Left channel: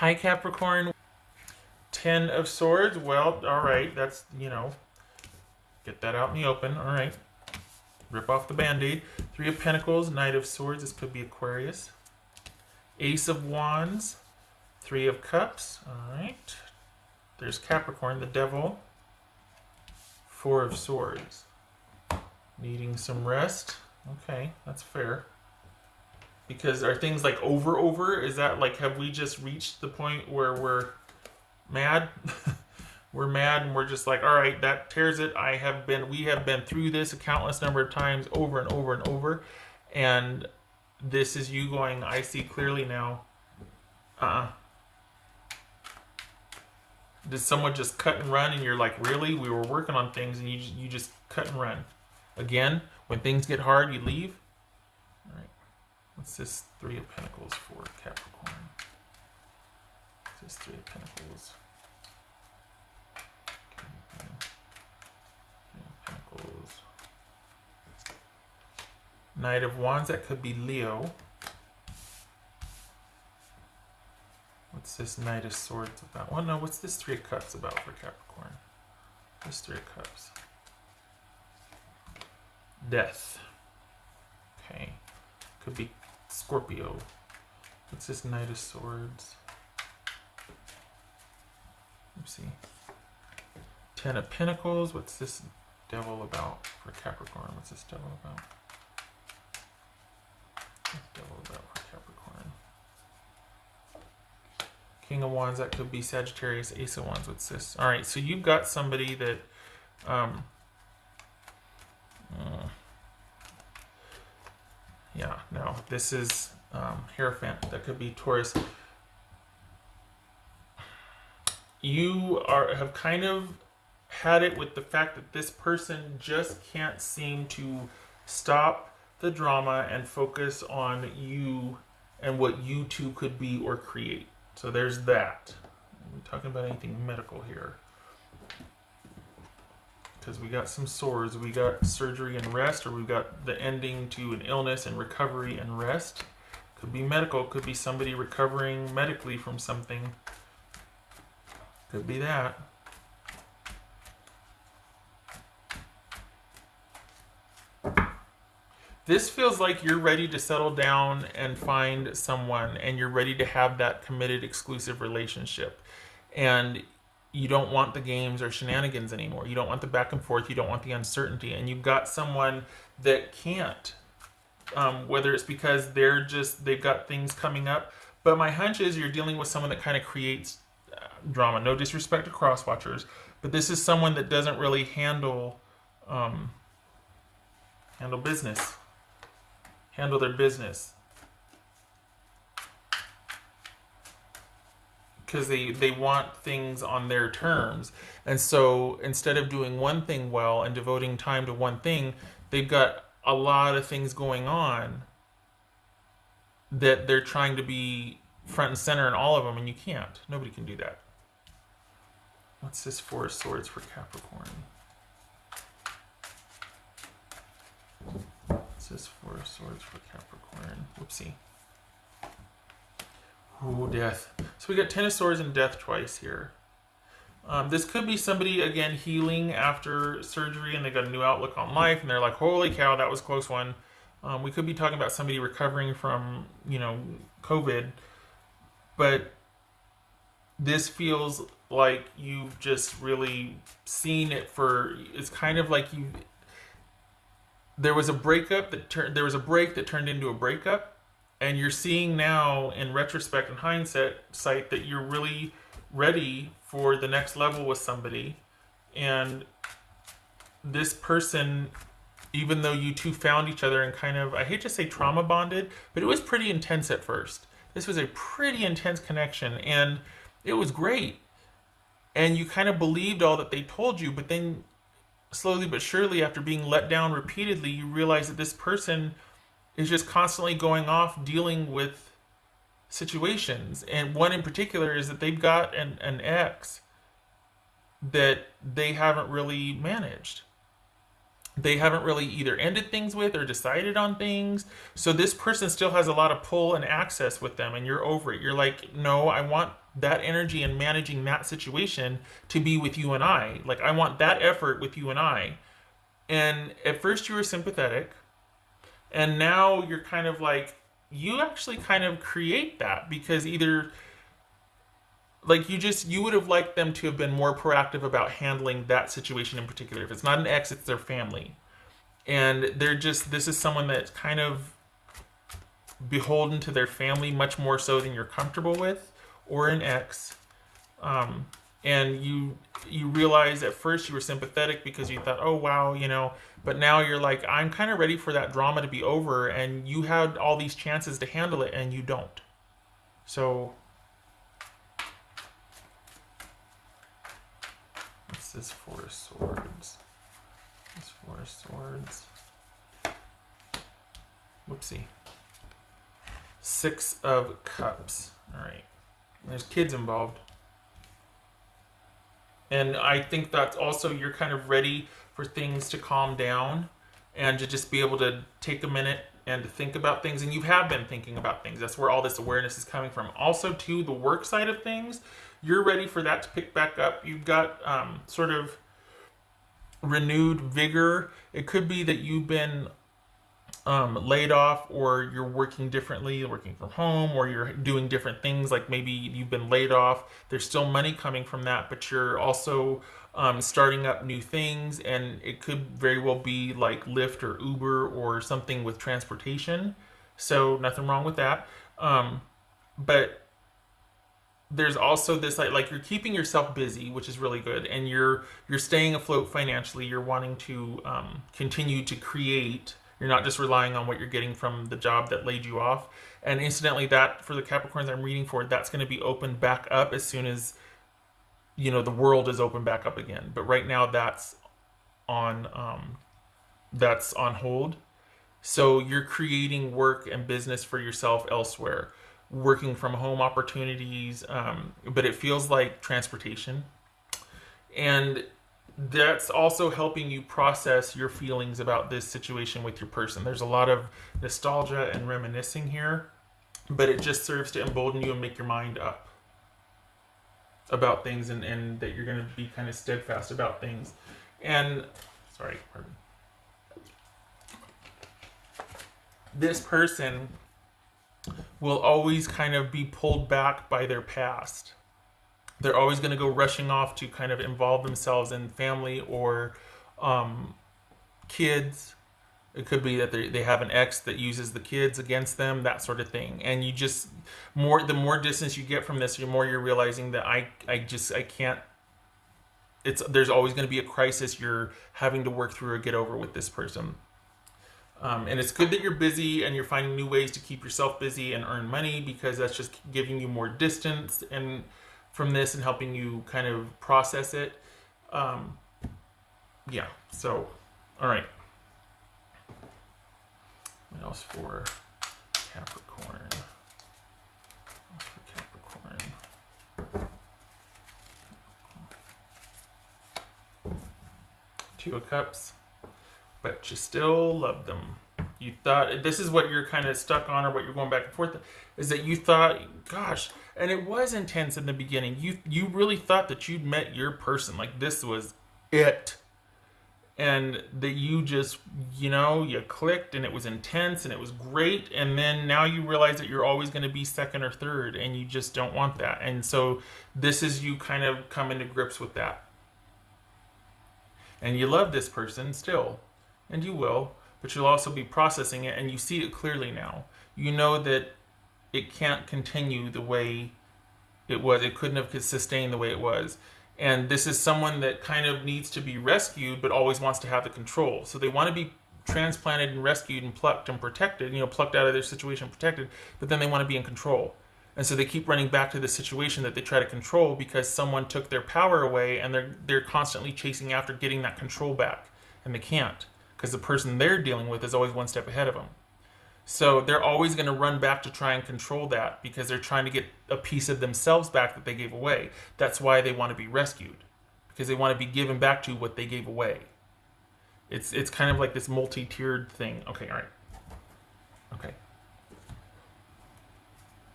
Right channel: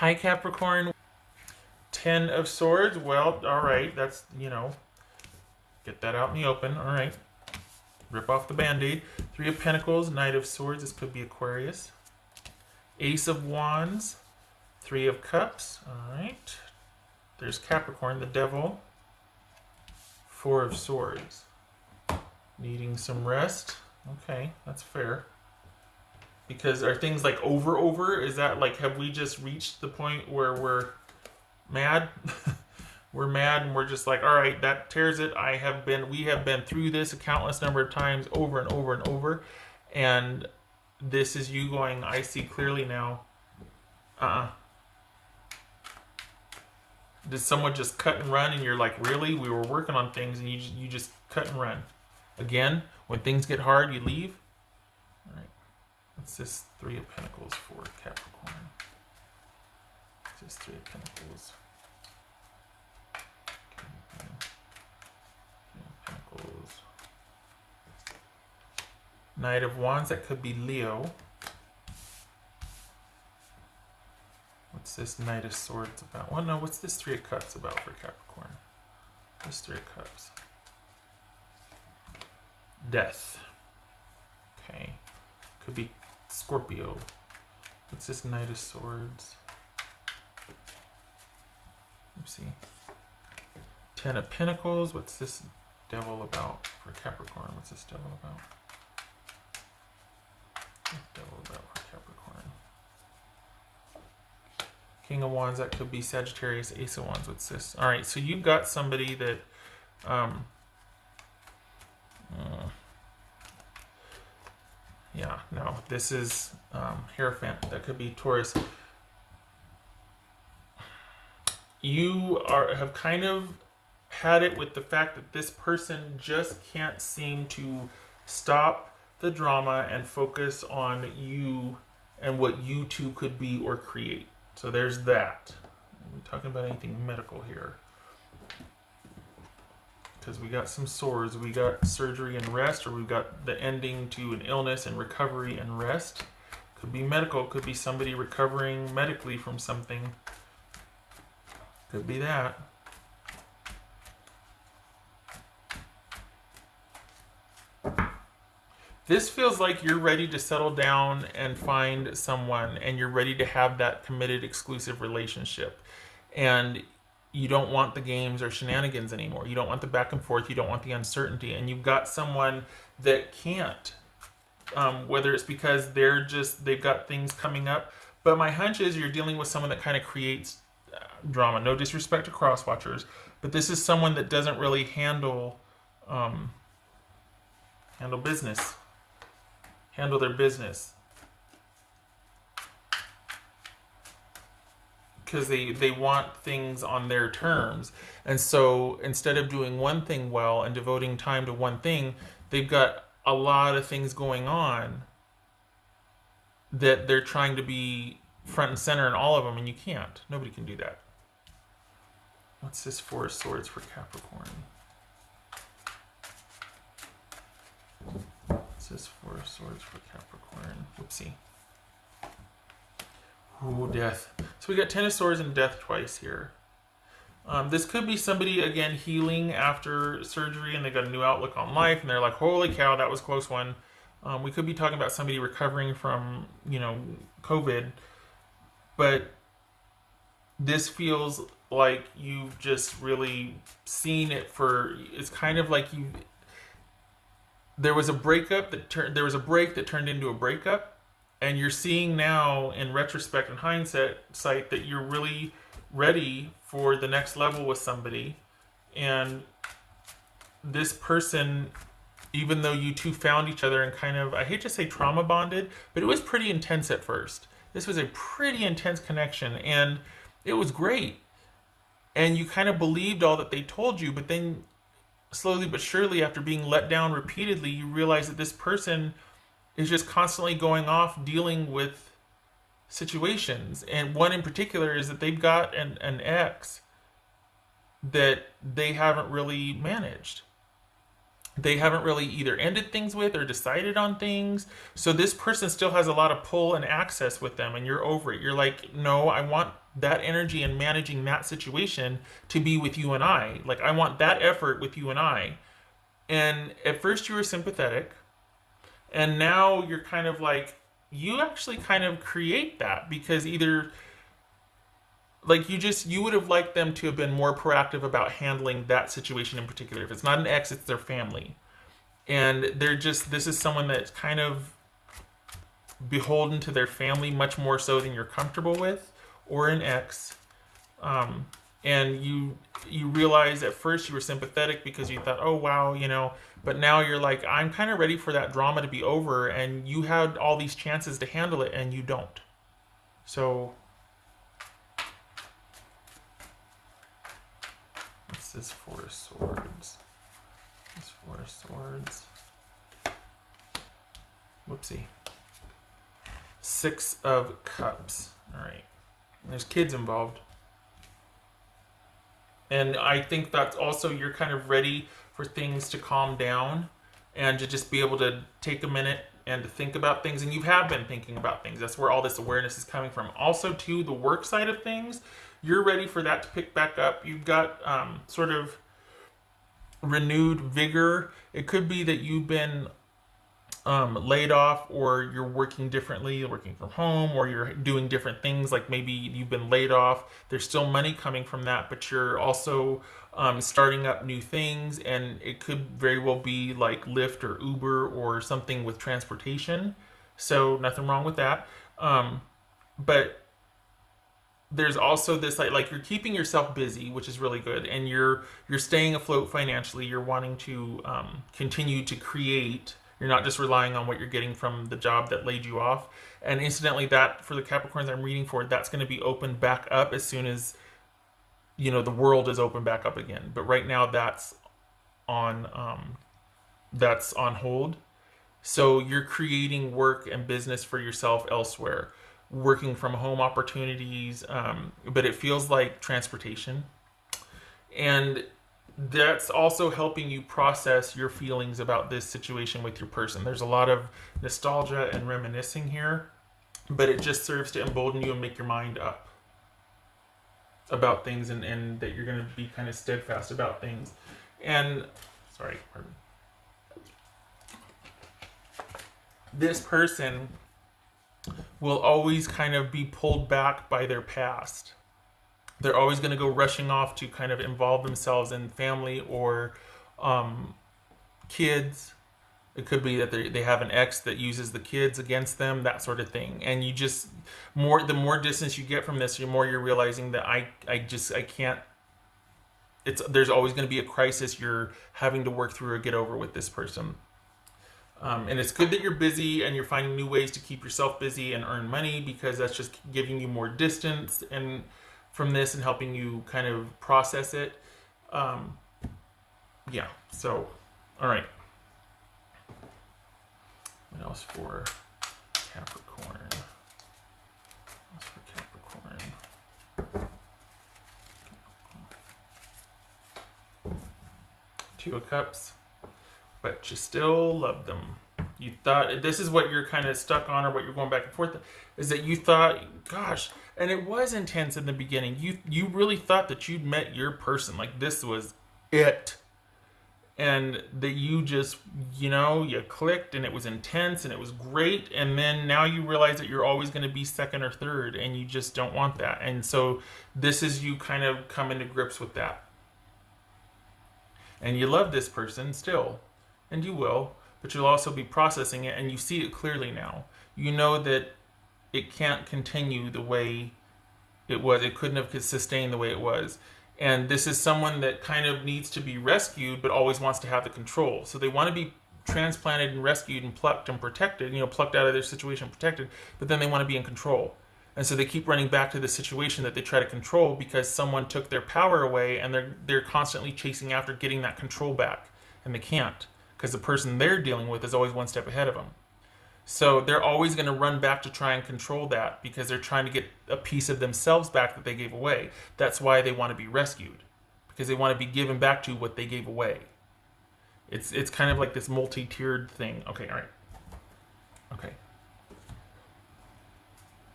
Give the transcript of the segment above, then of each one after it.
Hi, Capricorn. Ten of Swords. Well, all right. That's, get that out in the open. All right. Rip off the band-aid. Three of Pentacles, Knight of Swords. This could be Aquarius. Ace of Wands. Three of Cups. All right. There's Capricorn, the Devil. Four of Swords. Needing some rest. Okay, that's fair. Because are things like over? Is that like, have we just reached the point where we're mad? We're mad and we're just like, all right, that tears it. We have been through this a countless number of times over and over and over. And this is you going, I see clearly now. Did someone just cut and run and you're like, really? We were working on things and you just cut and run. Again, when things get hard, you leave. All right. What's this? Three of Pentacles for Capricorn. What's this Three of Pentacles? Pentacles. Knight of Wands, that could be Leo. What's this Knight of Swords about? Well, no, what's this Three of Cups about for Capricorn? This Three of Cups. Death. Okay. Could be Scorpio. What's this Knight of Swords? Let's see. Ten of Pentacles. What's this Devil about for Capricorn? What's this Devil about? Devil about for Capricorn. King of Wands, that could be Sagittarius. Ace of Wands, it's this. Alright, so you've got somebody that yeah, no, this is Hierophant. That could be Taurus. You have kind of had it with the fact that this person just can't seem to stop the drama and focus on you and what you two could be or create. So there's that. Are we talking about anything medical here? Because we got some swords. We got surgery and rest, or we got the ending to an illness and recovery and rest. Could be medical. Could be somebody recovering medically from something. Could be that. This feels like you're ready to settle down and find someone, and you're ready to have that committed, exclusive relationship. And you don't want the games or shenanigans anymore. You don't want the back and forth. You don't want the uncertainty. And you've got someone that can't. Whether it's because they've got things coming up. But my hunch is you're dealing with someone that kind of creates drama. No disrespect to cross-watchers, but this is someone that doesn't really handle business. Handle their business. Because they want things on their terms. And so instead of doing one thing well and devoting time to one thing, they've got a lot of things going on that they're trying to be front and center in all of them, and you can't. Nobody can do that. What's this Four of Swords for Capricorn? What's this Four of Swords for Capricorn? Oopsie. Oh, death. So we got Ten of Swords and death twice here. This could be somebody, again, healing after surgery, and they got a new outlook on life, and they're like, holy cow, that was a close one. We could be talking about somebody recovering from, COVID. But this feels like you've just really seen it it's kind of like there was a break that turned into a breakup. And you're seeing now, in retrospect and hindsight, that you're really ready for the next level with somebody. And this person, even though you two found each other and kind of, I hate to say trauma bonded, but it was pretty intense at first. This was a pretty intense connection, and it was great. And you kind of believed all that they told you, but then slowly but surely, after being let down repeatedly, you realize that this person is just constantly going off dealing with situations. And one in particular is that they've got an ex that they haven't really managed. they haven't really either ended things with or decided on things. So this person still has a lot of pull and access with them, and you're over it. You're like, no, I want that energy and managing that situation to be with you and I. Like, I want that effort with you and I. And at first you were sympathetic, and now you're kind of like, you actually kind of create that because either like you would have liked them to have been more proactive about handling that situation in particular. If it's not an ex, it's their family, and they're just, this is someone that's kind of beholden to their family much more so than you're comfortable with, or an ex. And you realize at first you were sympathetic because you thought, oh wow, but now you're like, I'm kind of ready for that drama to be over, and you had all these chances to handle it and you don't. So this is Four of Swords. This Four of Swords. Whoopsie. Six of Cups. Alright. There's kids involved. And I think that's also, you're kind of ready for things to calm down and to just be able to take a minute and to think about things. And you have been thinking about things. That's where all this awareness is coming from. Also, too, the work side of things, you're ready for that to pick back up. You've got sort of renewed vigor. It could be that you've been laid off, or you're working differently, you're working from home, or you're doing different things. Like maybe you've been laid off, there's still money coming from that, but you're also starting up new things, and it could very well be like Lyft or Uber or something with transportation. So nothing wrong with that. But there's also this like you're keeping yourself busy, which is really good, and you're staying afloat financially. You're wanting to continue to create. You're not just relying on what you're getting from the job that laid you off. And incidentally, that for the Capricorns I'm reading for, that's going to be opened back up as soon as the world is opened back up again. But right now that's on hold. So you're creating work and business for yourself elsewhere, working from home opportunities, but it feels like transportation. And that's also helping you process your feelings about this situation with your person. There's a lot of nostalgia and reminiscing here, but it just serves to embolden you and make your mind up about things, and that you're going to be kind of steadfast about things. And sorry, this person will always kind of be pulled back by their past. They're always going to go rushing off to kind of involve themselves in family or kids. It could be that they have an ex that uses the kids against them, that sort of thing. And you just, the more distance you get from this, the more you're realizing that I can't, there's always going to be a crisis you're having to work through or get over with this person. And it's good that you're busy and you're finding new ways to keep yourself busy and earn money, because that's just giving you more distance and from this and helping you kind of process it. Yeah, so, all right. What else for Capricorn? Two of Cups, but you still love them. You thought, this is what you're kind of stuck on, or what you're going back and forth, is that you thought, gosh, and it was intense in the beginning. You really thought that you'd met your person, like this was it. And that you just, you clicked, and it was intense and it was great. And then now you realize that you're always going to be second or third, and you just don't want that. And so this is you kind of come into grips with that. And you love this person still, and you will, but you'll also be processing it, and you see it clearly now. You know that it can't continue the way it was. It couldn't have sustained the way it was. And this is someone that kind of needs to be rescued, but always wants to have the control. So they want to be transplanted and rescued and plucked and protected, plucked out of their situation, protected, but then they want to be in control. And so they keep running back to the situation that they try to control because someone took their power away, and they're constantly chasing after getting that control back. And they can't, because the person they're dealing with is always one step ahead of them. So they're always going to run back to try and control that, because they're trying to get a piece of themselves back that they gave away. That's why they want to be rescued, because they want to be given back to what they gave away. It's kind of like this multi-tiered thing. Okay, all right. Okay.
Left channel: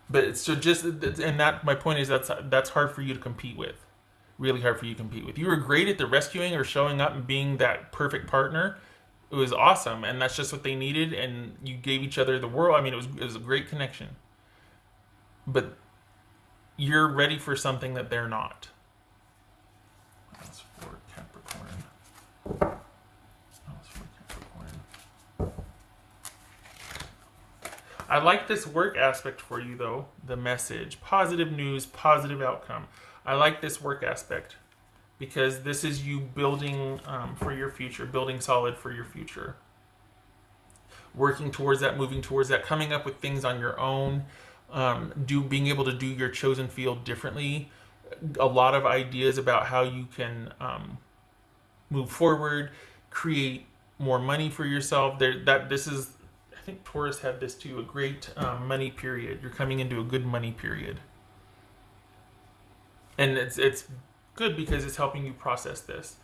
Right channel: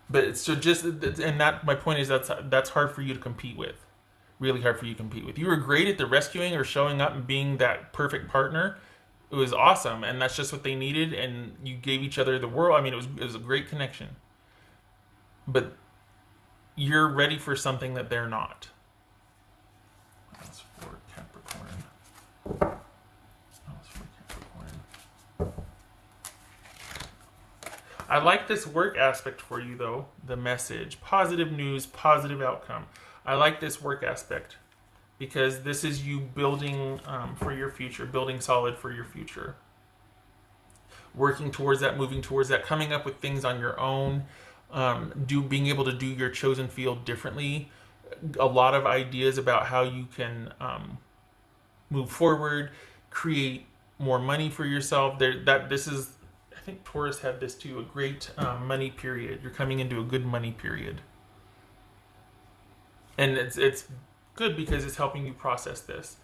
But it's so just, and that my point is that's hard for you to compete with. Really hard for you to compete with. You were great at the rescuing or showing up and being that perfect partner. It was awesome, and that's just what they needed. And you gave each other the world. I mean, it was a great connection. But you're ready for something that they're not. That's for Capricorn. That's for Capricorn. I like this work aspect for you, though. The message. Positive news, positive outcome. I like this work aspect because this is you building for your future, building solid for your future. Working towards that, moving towards that, coming up with things on your own, being able to do your chosen field differently. A lot of ideas about how you can move forward, create more money for yourself. This is, I think Taurus had this too, a great money period. You're coming into a good money period. And it's good because it's helping you process this.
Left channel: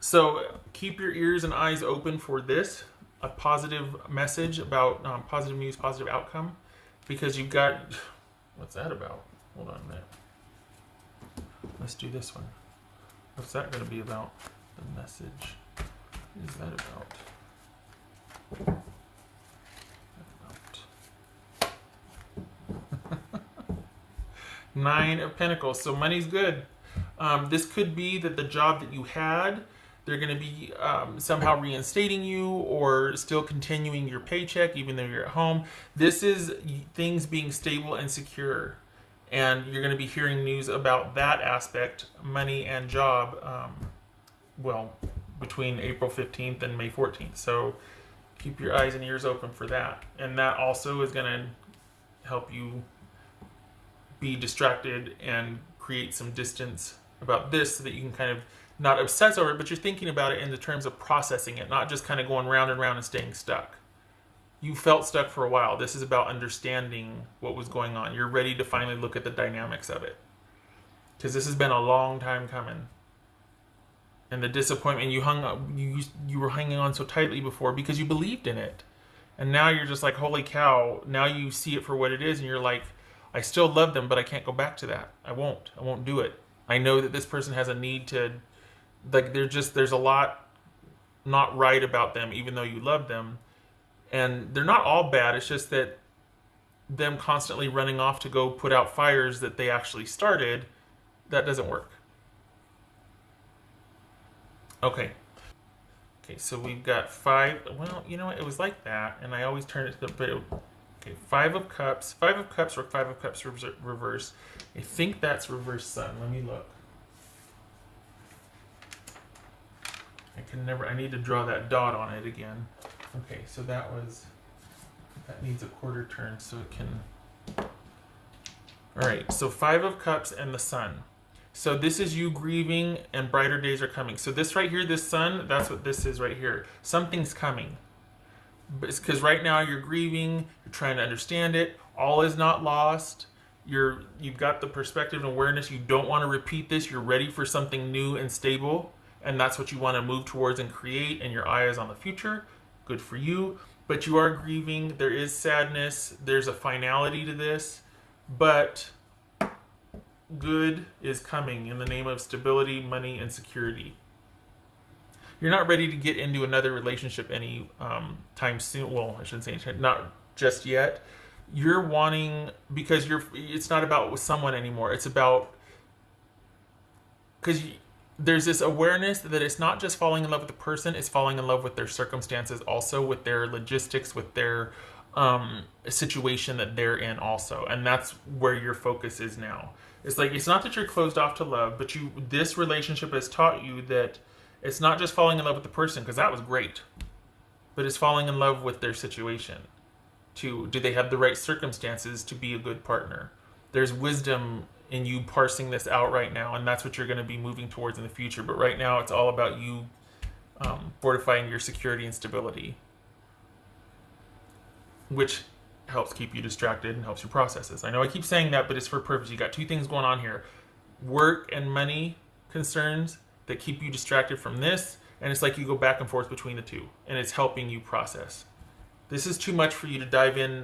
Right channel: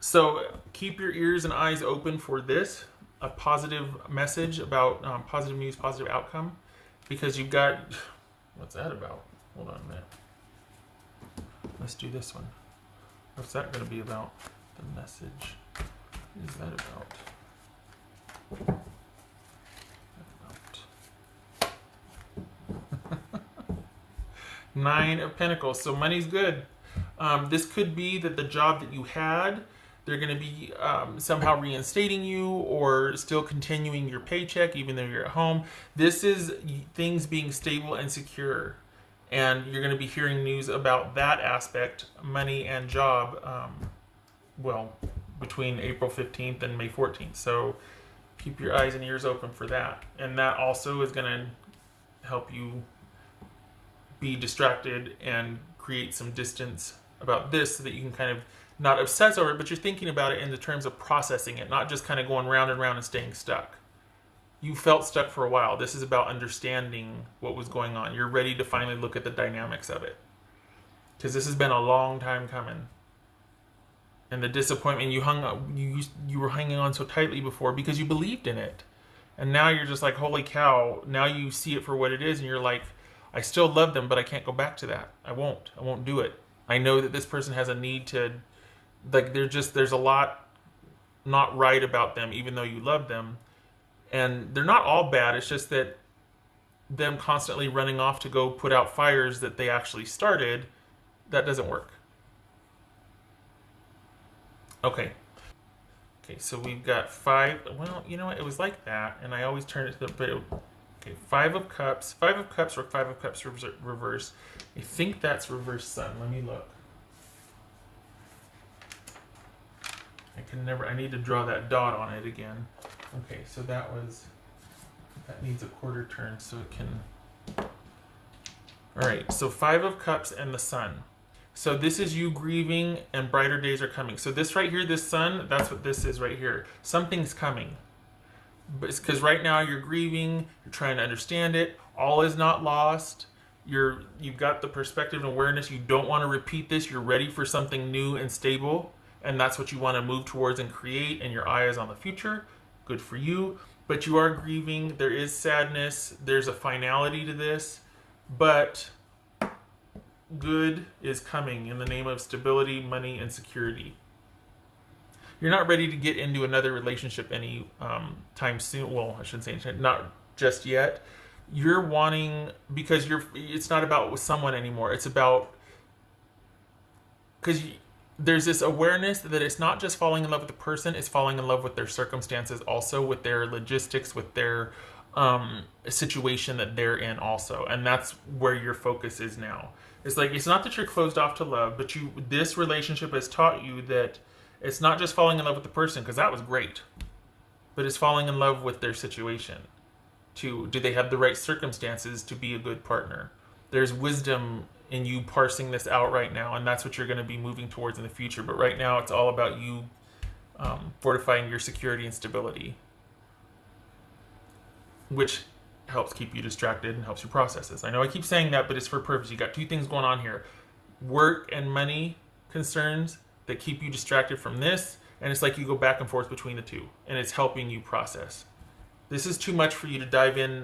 So keep your ears and eyes open for this, a positive message about positive news, positive outcome, because you've got, what's that about? Hold on a minute. Let's do this one. What's that going to be about? The message. What is that about? Nine of Pentacles. So money's good. This could be that the job that you had, they're going to be somehow reinstating you or still continuing your paycheck even though you're at home. This is things being stable and secure. And you're going to be hearing news about that aspect, money and job, between April 15th and May 14th. So keep your eyes and ears open for that. And that also is going to help you be distracted and create some distance about this so that you can kind of not obsess over it, but you're thinking about it in the terms of processing it, not just kind of going round and round and staying stuck. You felt stuck for a while. This is about understanding what was going on. You're ready to finally look at the dynamics of it. Because this has been a long time coming. And the disappointment, you were hanging on so tightly before because you believed in it. And now you're just like, holy cow, now you see it for what it is and you're like, I still love them, but I can't go back to that. I won't do it. I know that this person has a need to, like, there's a lot not right about them, even though you love them. And they're not all bad. It's just that them constantly running off to go put out fires that they actually started, that doesn't work. Okay, so we've got 5. Well, you know what? It was like that, and I always turn it to the... Okay, 5 of Cups. 5 of Cups or 5 of Cups reverse. I think that's reverse Sun. Let me look. I need to draw that dot on it again. Okay, so that needs a quarter turn so it can... Alright, so 5 of Cups and the Sun. So this is you grieving and brighter days are coming. So this right here, this Sun, that's what this is right here. Something's coming. But it's because right now you're grieving, you're trying to understand it. All is not lost. You've got the perspective and awareness. You don't want to repeat this. You're ready for something new and stable. And that's what you want to move towards and create. And your eye is on the future. Good for you. But you are grieving. There is sadness. There's a finality to this. But good is coming in the name of stability, money, and security. You're not ready to get into another relationship any time soon. Well, I shouldn't say not just yet. You're wanting, because it's not about with someone anymore. It's about, because there's this awareness that it's not just falling in love with the person, it's falling in love with their circumstances also, with their logistics, with their situation that they're in also. And that's where your focus is now. It's like, it's not that you're closed off to love, but this relationship has taught you that it's not just falling in love with the person, because that was great, but it's falling in love with their situation. Do they have the right circumstances to be a good partner? There's wisdom in you parsing this out right now, and that's what you're going to be moving towards in the future. But right now, it's all about you fortifying your security and stability, which helps keep you distracted and helps you process this. I know I keep saying that, but it's for a purpose. You got 2 things going on here: work and money concerns that keep you distracted from this, And it's like you go back and forth between the two, and it's helping you process. This is too much for you to dive in,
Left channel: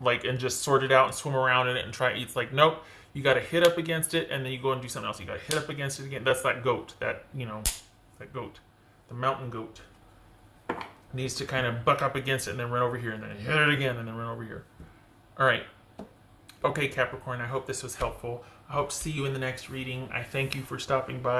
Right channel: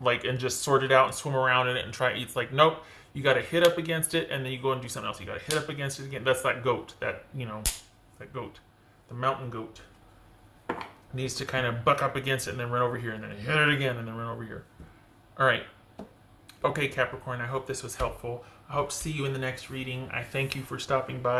like, and just sort it out and swim around in it and try. It's like, nope, you got to hit up against it, and then you go and do something else. You got to hit up against it again. That's that goat, that goat, the mountain goat. Needs to kind of buck up against it and then run over here, and then hit it again and then run over here. All right. Okay, Capricorn, I hope this was helpful. I hope to see you in the next reading. I thank you for stopping by.